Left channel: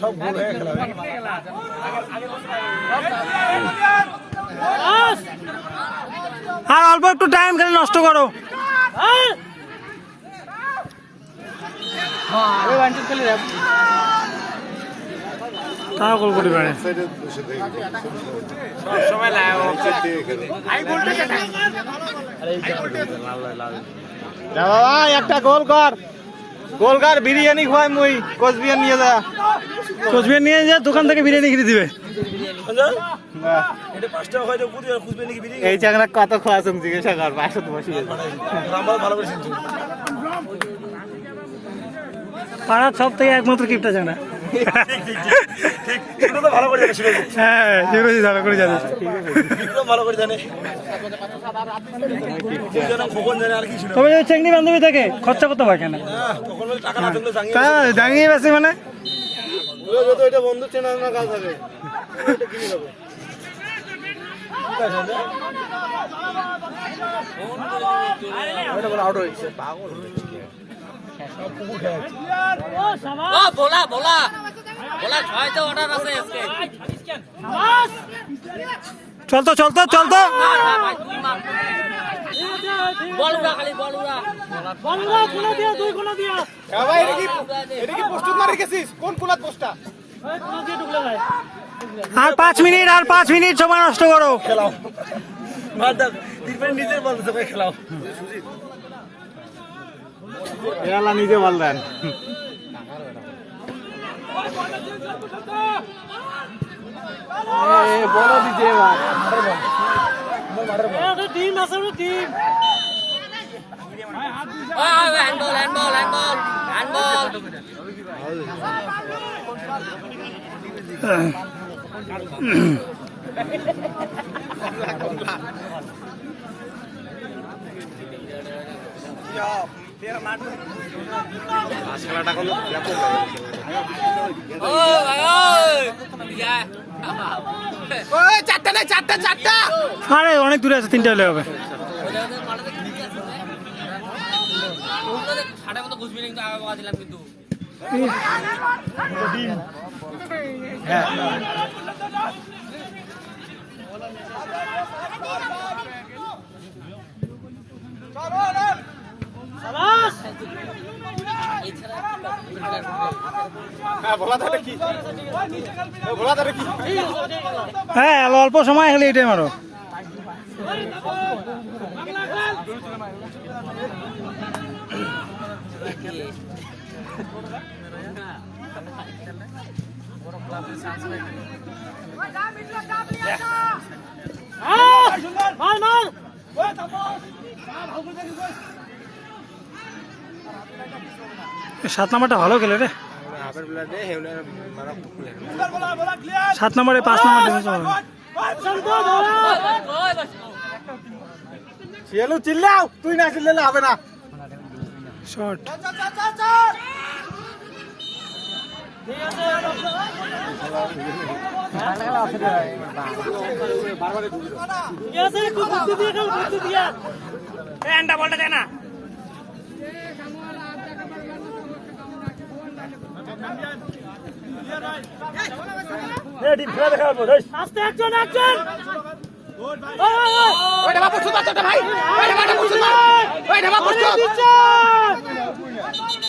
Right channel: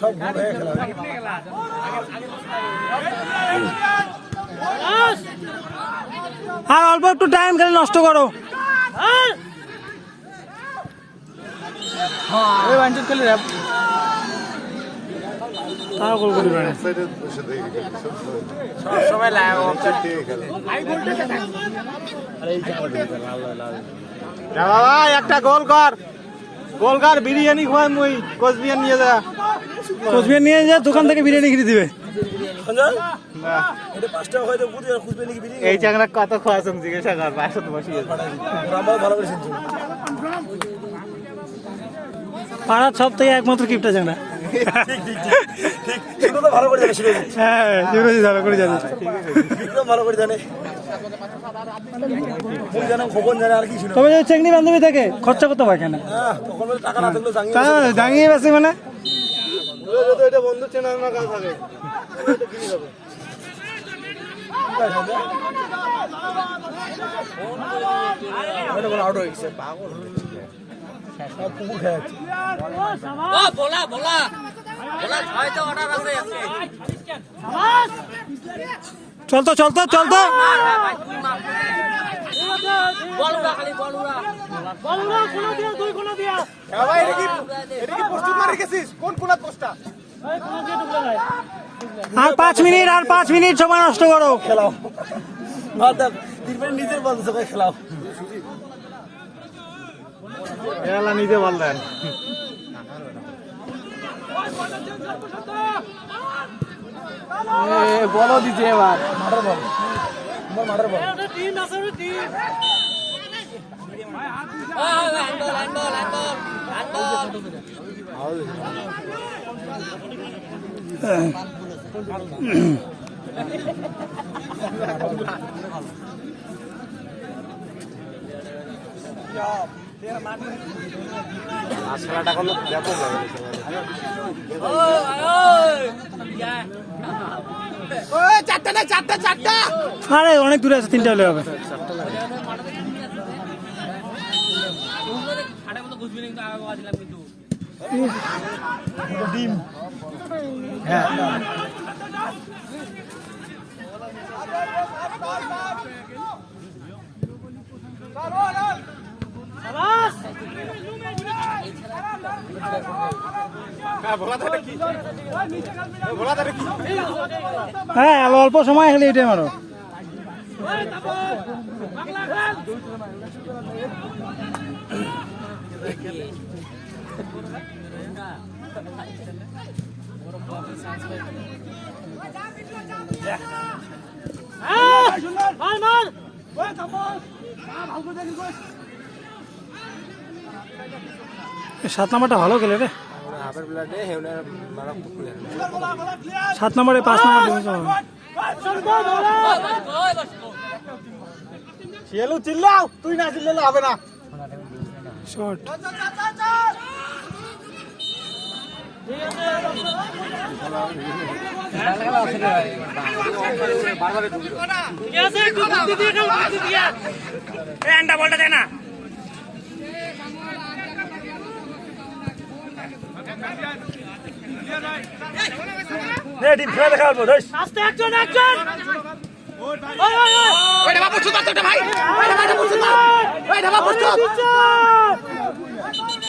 সব গোল হয়ে খেলা আর অল্প একটু টাইম খেলে নষ্ট করো। তাও গোল করি পারে একটা গোল কর বিরিয়ানি খোয়াই মুই কোচবিহার নিয়ে যা কোচবিহার নিয়ে যা দোকান থেকে বিরিয়ানি কিনে দিবে। এই চাকরা কত খোয়াছেন জিজ্ঞাসা কর পাড়ার সব থেকে একমাত্র কিপটা জানা। হ্যাঁ শিবরাজি ভালো করে জানে তবে চেংনি বান্ধবী থাকে খরচা করতে পারে কেন দাঁড়িয়ে বেশি মানে বন্ধু চেনা কাজ থাকে আউট হয়েছে পাগল চলতো চলতো চলতো আর 5 মিনিট সময় নষ্ট করো। খেলাও নিজে বলতে সবাই খেলাও নিজে বললেন বলো দিচ্ছে এবার আরে অনেক দূরে আছে 3টা হলে হবে। হ্যাঁ অল্প সময় হলে এটাই মারো। সাত নাম্বারটা ভালো খেলে রে 7 নম্বরে 5 নম্বর চিল্লাও তুই না চিল্লালে হবে না শর্ট বলটা দেয় না আস্তে একজন ওই ঢাবা পড়ছো ভাই ওই ঢাবা পড়ছো